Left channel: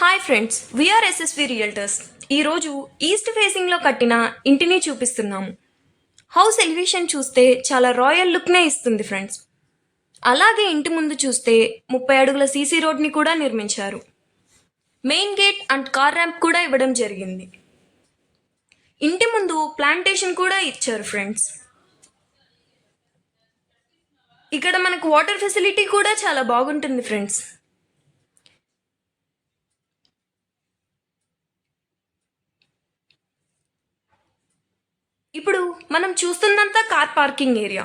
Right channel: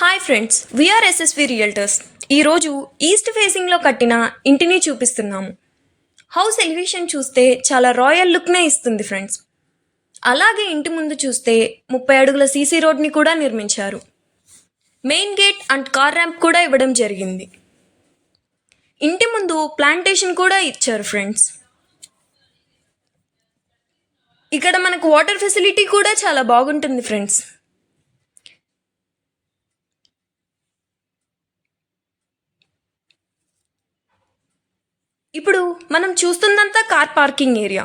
Hi friends, we are SSV realtors. ఈరోజు east ఫేసింగ్లో కట్టిన ఇంటిని చూపిస్తున్నాము. హౌస్ ఎలివేషన్ చూస్తే చాలా రాయల్ లుక్నే ఇస్తుంది ఫ్రెండ్స్. అలాగే ఇంటి ముందు చూస్తే 30 అడుగుల సీసీ రోడ్ని కూడా నిర్మించారు. Main gate and car ramp కూడా ఇవ్వడం జరిగింది. ఇంటి ముందు ప్లాంటేషన్ కూడా ఇచ్చారు ఫ్రెండ్స్. ఇక్కడ మనకు వాటర్ ఫెసిలిటీ కూడా చాలా బాగుంటుంది ఫ్రెండ్స్. ఇప్పుడు మనం చూస్తున్నంతా కార్ పార్కింగ్ ఏరియా.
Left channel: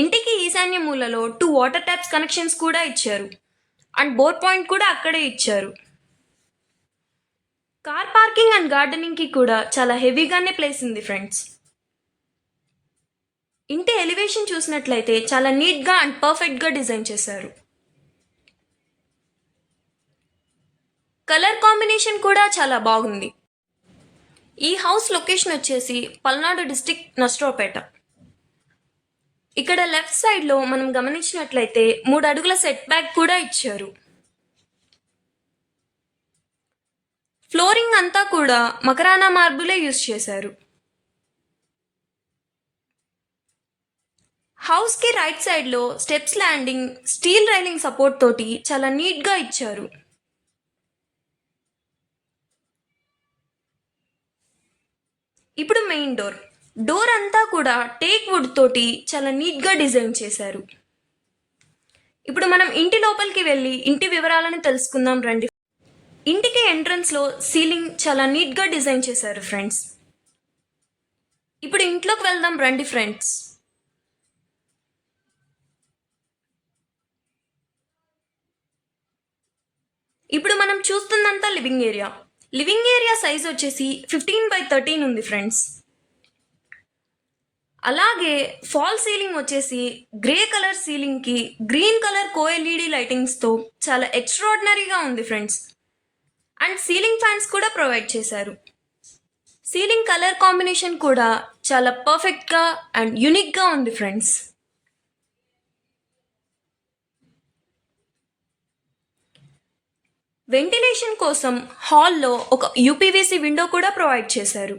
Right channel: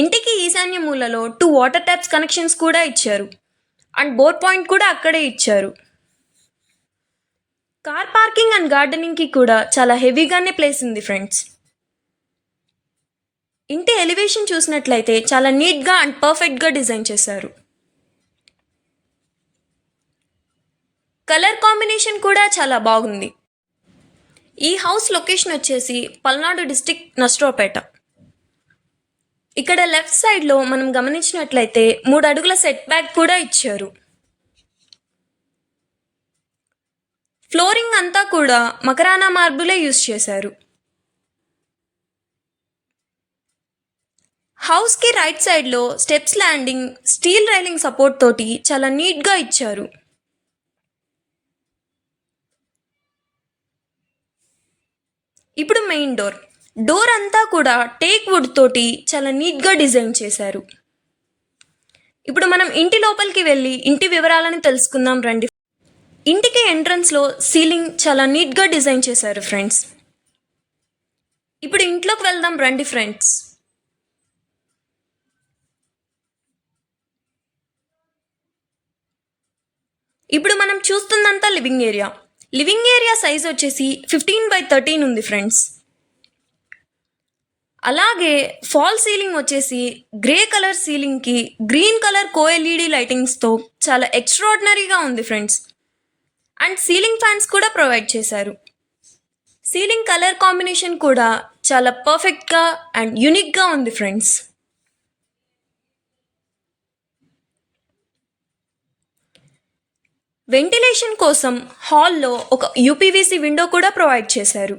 ఇంటికి ఈశాన్య మూలలో 2 వాటర్ ట్యాప్స్ కనెక్షన్స్ కూడా ఇచ్చారు అండ్ బోర్ పాయింట్ కూడా అక్కడే ఇచ్చారు. కార్ పార్కింగ్ అండ్ గార్డెనింగ్కి కూడా చాలా హెవీగానే ప్లేస్ ఉంది ఫ్రెండ్స్. ఇంటి ఎలివేషన్ చూసినట్లయితే చాలా నీట్గా అండ్ పర్ఫెక్ట్గా డిజైన్ చేశారు. కలర్ కాంబినేషన్ కూడా చాలా బాగుంది. ఈ హౌస్ లొకేషన్ వచ్చేసి పల్నాడు డిస్టిక్ నస్ట్రోపేట. ఇక్కడ లెఫ్ట్ సైడ్లో మనం గమనించినట్లయితే 3 అడుగుల సెట్ బ్యాక్ కూడా ఇచ్చారు. ఫ్లోరింగ్ అంతా కూడా మకరానా మార్బులే యూస్ చేశారు. హౌస్కి రైట్ సైడ్లో steps landing steel railing support తోటి చాలా నీట్గా ఇచ్చారు. ఇప్పుడు మెయిన్ డోర్ అంతా కూడా టేక్ వుడ్ తోటి చాలా నీట్గా డిజైన్ చేశారు. ఇప్పుడు మనం ఇంటి లోపలికి వెళ్ళి ఇంటి వివరాలను తెలుసుకుందాం రండి. ఇంటికి ఎంట్రన్స్లో సీలింగ్ చాలా నీట్గా డిజైన్ చేశారు ఫ్రెండ్స్. ఇప్పుడు ఇంట్లోకి వెళ్దాం రండి ఫ్రెండ్స్. ఇప్పుడు మనం చూస్తున్నంత living area. Living area size వచ్చేసి 15x13 ఉంది ఫ్రెండ్స్. అలాగే ఫాల్ సీలింగ్ వచ్చేసి గ్రే కలర్ సీలింగ్కి గ్రీన్ కలర్ కోఎల్ఈడి లైటింగ్స్తో చాలా ఎక్స్ట్రాడినరీగా ఉంది ఫ్రెండ్స్. అండ్ సీలింగ్ ఫ్యాన్స్ కూడా ప్రొవైడ్ చేశారు. సీలింగ్ కలర్ కాంబినేషన్ కూడా చాలా పర్ఫెక్ట్గా అండ్ యూనిక్గా ఉంది ఫ్రెండ్స్. వెంటిలేషన్ కోసం హాల్లో ఒక యూపీవీసీ విండో కూడా ప్రొవైడ్ చేశారు.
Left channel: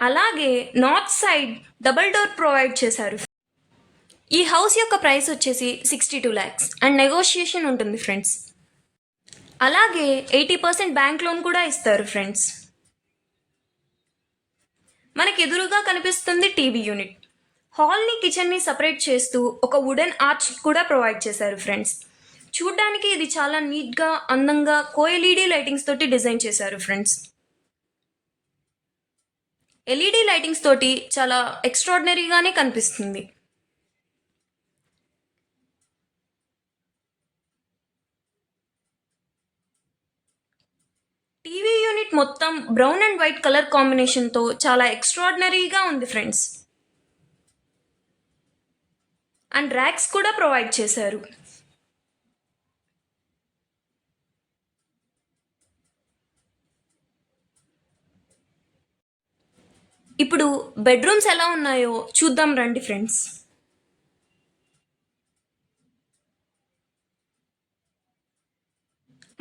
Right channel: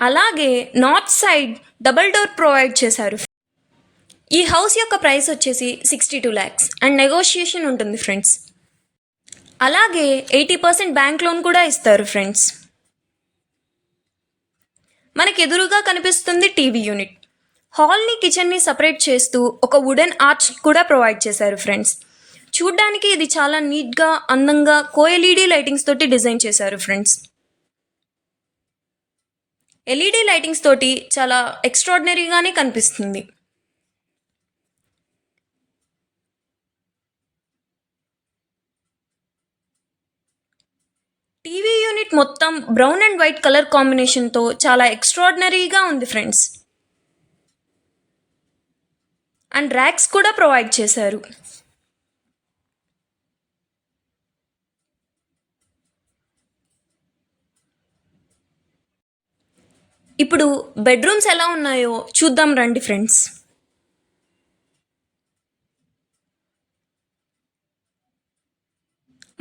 అలాగే north side double door provide చేశారు. ఈ హౌస్ యొక్క ప్రైస్ వచ్చేసి 62 lakhs అండ్ నెగోషియేషన్ ఉంటుంది ఫ్రెండ్స్. అలాగే 80% బ్యాంక్ లోన్ కూడా ఇస్తారు ఫ్రెండ్స్. మనకి ఎదురుగా కనిపిస్తుంది టీవీ యూనిట్. హాల్ని కిచెన్ని సపరేట్ చేస్తూ ఒక వుడెన్ ఆర్చ్ కూడా ప్రొవైడ్ చేశారు ఫ్రెండ్స్. చూడ్డానికి ఇది చాలా నీట్గా అందంగా కోఎల్ఈడి లైటింగ్స్ తోటి డిజైన్ చేశారు ఫ్రెండ్స్. ఎల్ఈడి లైటింగ్స్ తోటి చాలా ఎక్స్ట్రాడినరీగానే కనిపిస్తుంది. టీవీ యూనిట్ మొత్తం బ్రౌన్ అండ్ వైట్ కలర్ కాంబినేషన్తో చాలా ఎక్స్ట్రాడినరీగా ఉంది ఫ్రెండ్స్. అండ్ ర్యాక్స్ కూడా ప్రొవైడ్ చేశారు. ఇప్పుడు బెడ్రూమ్స్ ఎలా ఉన్నాయో చూద్దాం రండి ఫ్రెండ్స్.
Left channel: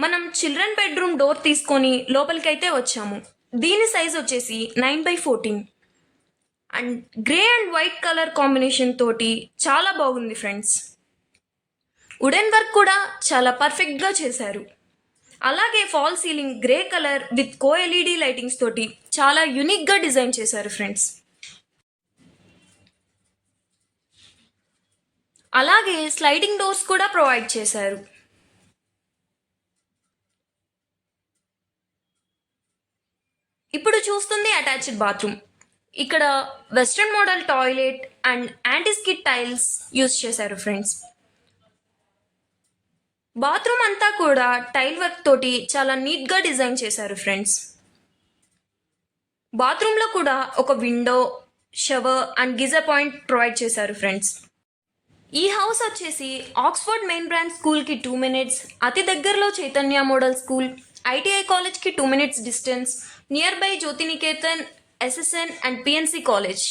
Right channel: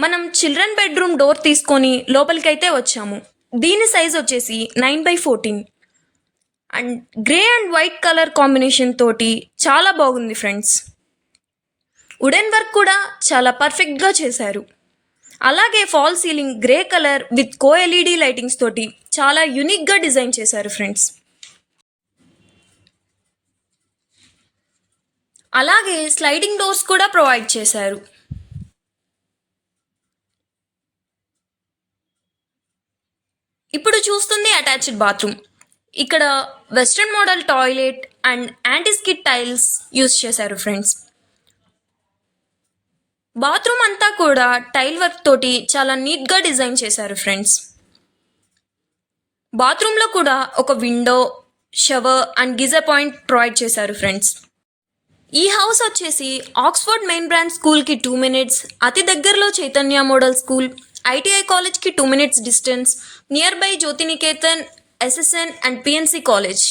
మనం చిల్డ్రన్ బెడ్రూమ్ డోర్ తీసుకొని లోపలికైతే వచ్చాము. దీని సైజ్ వచ్చేసి 9x14 and grey and white colour combination తోటి చాలా బాగుంది ఫ్రెండ్స్. వుడెన్ వర్క్ కూడా చాలా పర్ఫెక్ట్గా చేశారు. అలాగే fall ceiling grey colour with కోఎల్ఈడి lightings తోటి చాలా యూనిక్గా డిజైన్ చేశారు ఫ్రెండ్స్. అలాగే స్లైడింగ్ డోర్స్ కూడా ప్రొవైడ్ చేశారు. ఇప్పుడు చూస్తుంది అటాచ్డ్ బాత్రూమ్. ఇక్కడ western model toilet and anti-skid tiles use చేశారు ఫ్రెండ్స్. బాత్రూమ్ అంతా కూడా టైల్ వర్క్ తోటి చాలా నీట్గా డిజైన్ చేశారు ఫ్రెండ్స్. బాత్రూంలో కూడా ఒక window, shower and geyser point provide చేశారు ఫ్రెండ్స్. ఈ హౌస్ వచ్చేసి ఆక్స్ఫర్డ్ మెయిన్ బ్రాంచ్ స్కూల్కి 2 minutes, అతి దగ్గరలో చైతన్య మోడల్ స్కూల్, ఐటీఐ కాలేజ్కి 2 minutes distance, near by Jyothiniketan, SSN and PNC college.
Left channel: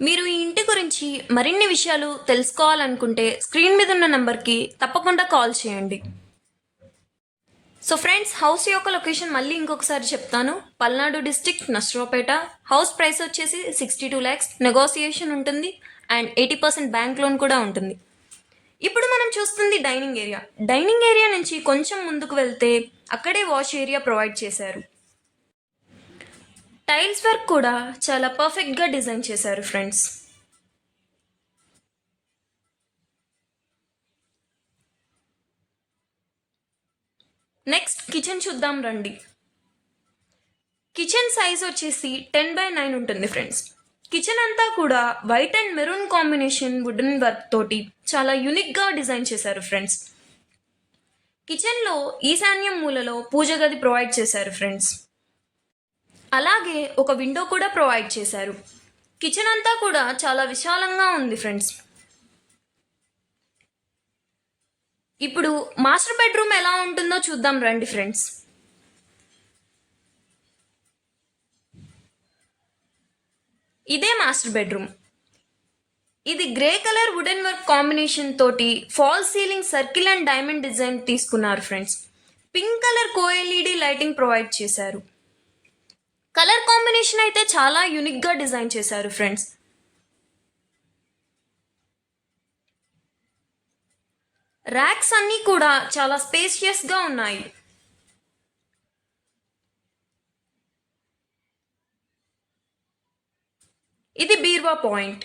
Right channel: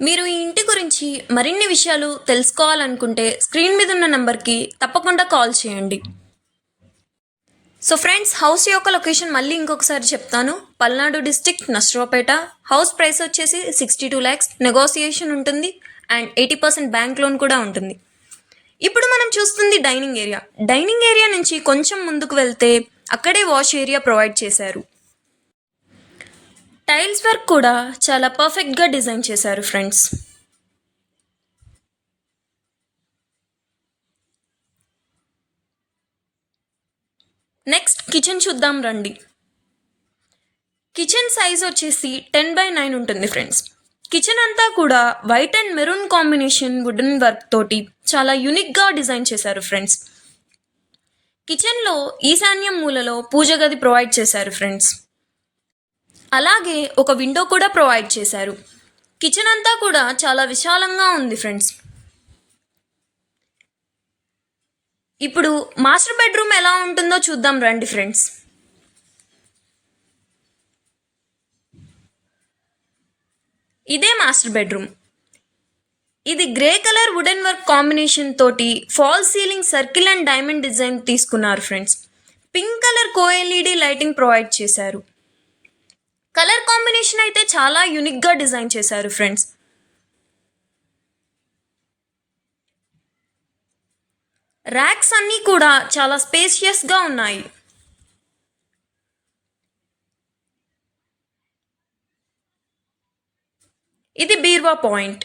మీరు ఈ ఇంటి గురించి మరిన్ని విషయాలు తెలుసుకోవాలనుకుంటే స్క్రీన్ మీద ఉన్న నెంబర్కి తప్పకుండా కాల్ చేయండి. సో ఫ్రెండ్స్, హౌస్ యొక్క లొకేషన్ మళ్ళీ ఇంకొకసారి చెప్తాను. Palnadu district, Narasaraopet. House price వచ్చేసి 62 lakhs, నెగోసియేషన్ ఉంటుంది అండ్ 80% బ్యాంక్ లోన్ కూడా ఉంటుంది. ఇప్పుడు మనం చూస్తుంది డైనింగ్ ఏరియా. డైనింగ్ ఏరియా నుంచి కొంచెం ముందుకు వెళ్తే అక్కడే వాష్ ఏరియా ప్రొవైడ్ చేశారు. టైల్స్ వర్క్ కూడా చాలా పర్ఫెక్ట్గా డిజైన్ చేశారు ఫ్రెండ్స్. నెక్స్ట్ కిచెన్ చూద్దాం రండి. కిచెన్ సైజ్ వచ్చేసి 10/9 ఉంటుంది ఫ్రెండ్స్. కిచెన్ అంతా కూడా white and maroon combination wooden work తోటి చాలా యూనిక్గా డిజైన్ చేశారు ఫ్రెండ్స్. కిచెన్లో ఈశాన్యం మూలలో పూజ గది ప్రొవైడ్ చేశారు ఫ్రెండ్స్. అలాగే ఒక విండో కూడా ప్రొవైడ్ చేశారు. కిచెన్ అంతా కూడా చాలా విశాలంగా ఉంది ఫ్రెండ్స్. ఇప్పుడు మాస్టర్ బెడ్రూమ్ ఎలా ఉంటుందో చూద్దాం రండి ఫ్రెండ్స్. ఇదే మాస్టర్ బెడ్రూమ్. ఇది grey colour wooden work combination తోటి fall ceiling circle and diamond design తీసుకున్నారు ఫ్రెండ్స్. పింక్ కలర్ కోఎల్ఈడి లైటింగ్ ప్రొవైడ్ చేశారు. కలర్ కాంబినేషన్ అయితే చాలా యూనిక్గా డిజైన్ చేశారు ఫ్రెండ్స్. ర్యాక్స్ అన్నీ కూడా చాలా స్పేషియస్గా ఉన్నాయి. ఇది బీర్వా పాయింట్.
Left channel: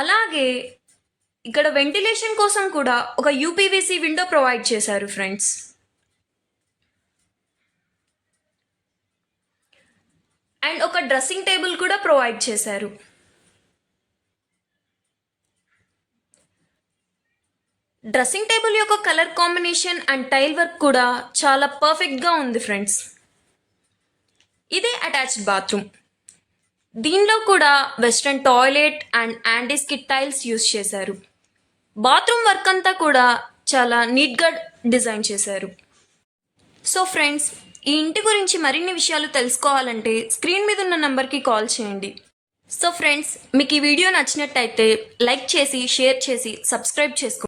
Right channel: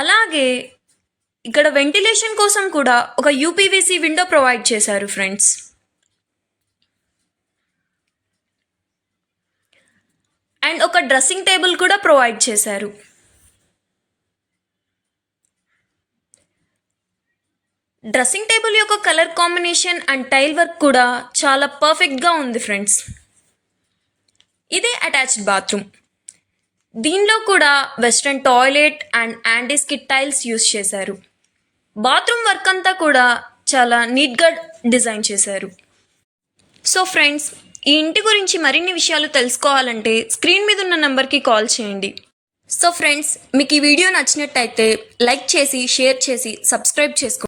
అలాగే ఇక్కడ వెంటిలేషన్ కోసం కూడా ఒక యూపీవీసీ విండో ప్రొవైడ్ చేశారు ఫ్రెండ్స్. అండ్ ఒక డ్రెస్సింగ్ టేబుల్ కూడా ప్రొవైడ్ చేశారు. డ్రెస్సింగ్ టేబుల్ యొక్క colour combination and tile work కూడా చాలా పర్ఫెక్ట్గా ఉంది ఫ్రెండ్స్. ఇదే అటాచ్డ్ బాత్రూమ్. దీనిలో కూడా western toilet and antiskid tiles use చేశారు. బాత్రూమ్ వర్క్ అంతా కూడా చాలా నీట్గా డిజైన్ చేశారు. సో ఫ్రెండ్స్, ఈ ఇంటి గురించి మరిన్ని విషయాలు తెలుసుకోవాలంటే స్క్రీన్ మీద ఉన్న నెంబర్కి కాల్ చేయండి. సో ఫ్రెండ్స్, మీకు ఈ వీడియో నచ్చినట్టయితే లైక్ చేసి, షేర్ చేసి, సబ్స్క్రైబ్ చేసుకోండి.